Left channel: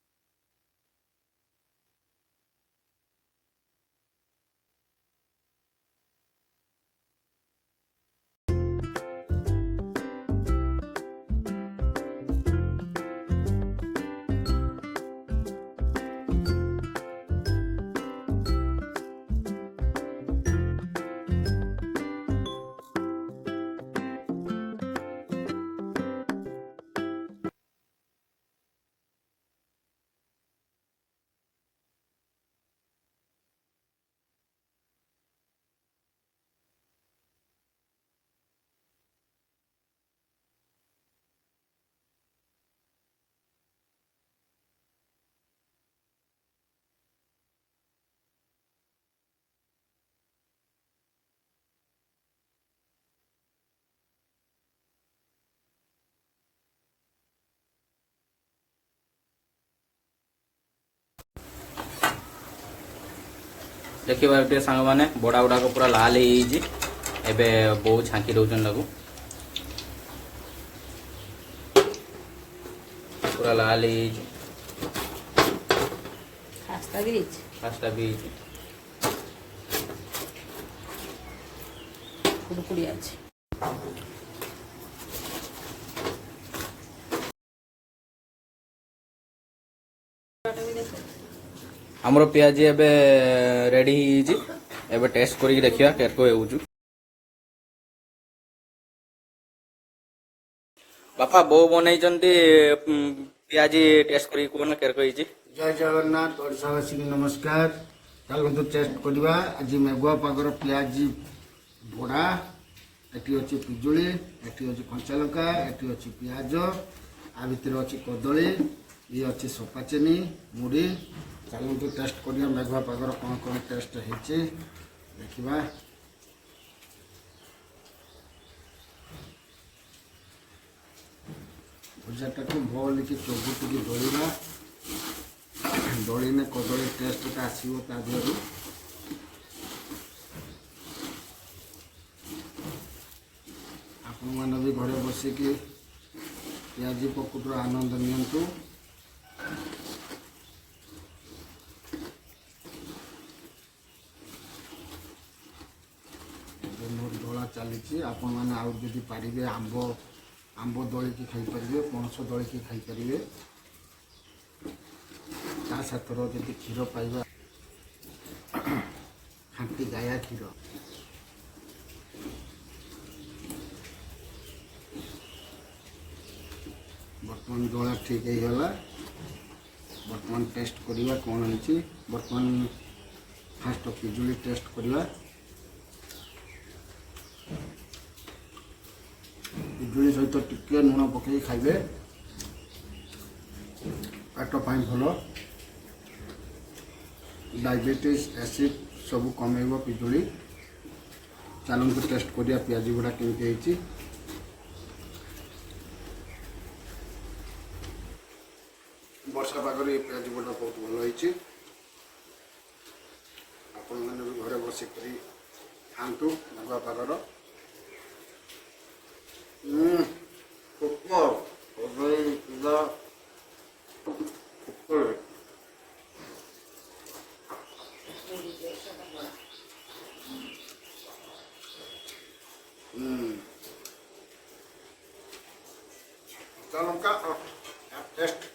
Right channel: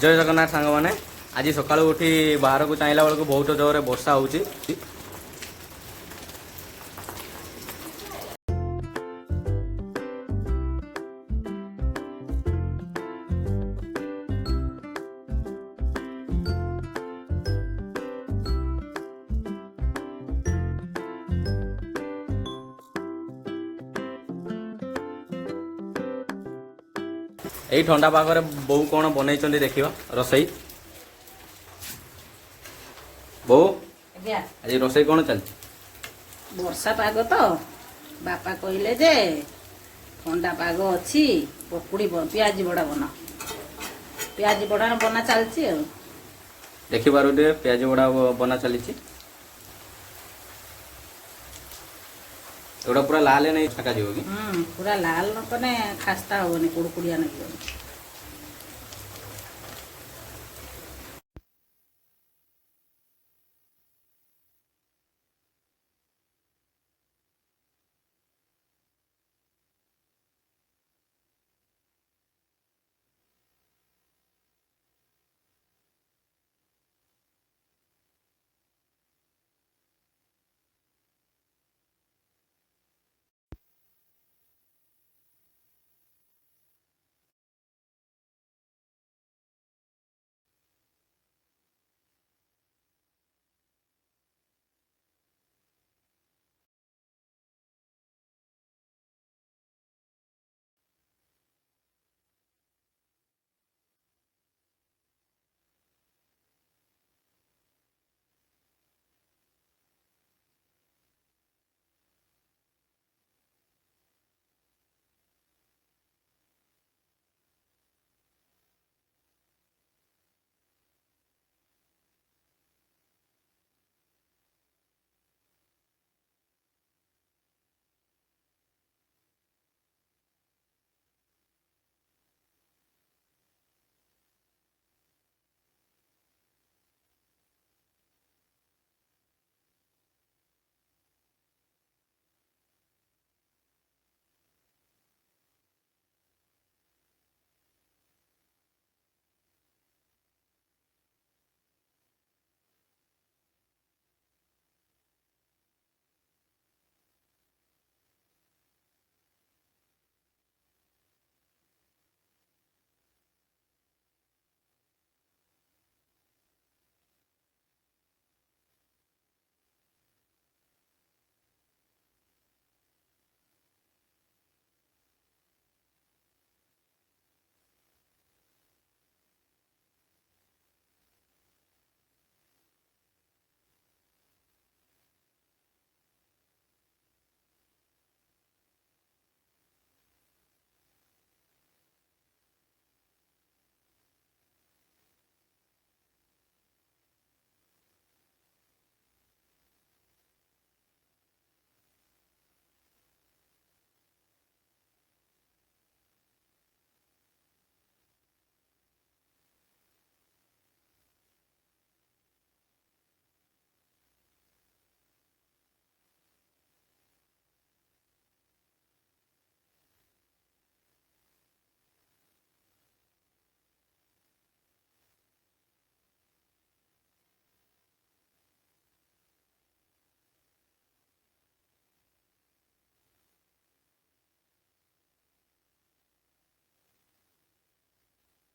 जय जगन्नाथ सांग मैंने आज सका उठी बाहर को चाहला बेलू बहुत जोर वर्षा हो यही ठंडा पागरे बो कौन बनई देखा रोसई बो आज रोसई कौन चलती वर्षा पाग तो बापा कहले जे ठंडा पाग अच्छी पकुड़ी पियाज बड़ा बना पियाज बड़ा बना चलती देखिबार पियाज बड़ा बना चली एटा पूरा लाल नहीं छका जीव कि पूरा लाल न कने खास्ता होनी कुड़कुड़िया नहीं देखिए सांग मैंने बड़ा गुड़ाक पूरा लाल एबे बो छांकी दौन पूरा लाल खास्ता भी कुड़कुड़ी अच्छी हमरो पियाज एबे रेडी एबे टेस्ट करी देखिया केरको हेउछु बापा बो बनई जंती पियाज टेस्ट करी कोन केरको हिजी जय जगन्नाथ ओडिशावासी नमस्कार चलतु टेस्ट करवा आज मेघुआ पागर पियाज बड़ा एटी अच्छी पिजुली एटी अच्छी कंचा लंका एटी अच्छी पियाज आ भितर अच्छी कदली ये अच्छी सपा चेनी मुड़ी चलतु टेस्ट करवा मेघुआ पागर कौन कौन टेस्ट है देखा भुजाटा को भल कि चौबुटी दलिया दलिने कदली टेस्ट आसो ता देहर आपण मैंने भी घरे बसिकी पियाजी पकुटर आनंद नियंतु मोर दला चली आपण मैंने आउ जदि पारे आंब आंब दलिकी खाईपारे पणस दलिकी खाईपारे ता साथर जदि क्षीर पाइबा खांटी गाया क्षीर बर्तमान दला ठीक है बर्तमान टेस्ट करवा कौन है बर्तमान फास्ट पिजुली टेस्ट करवा पिजुली सहित टिके लुण पकई खाइबे पेट पाई भल डायबिटीज एसिड सब कमेब पिजुली चलते टेस्ट करिया पियाज गुड़ा केमती वर्षा पागर ये पियाज गुड़ा बहुत भल होती आपण मैंने भी घरे बसिक खातु मेघुआ पागर लंका टेस्ट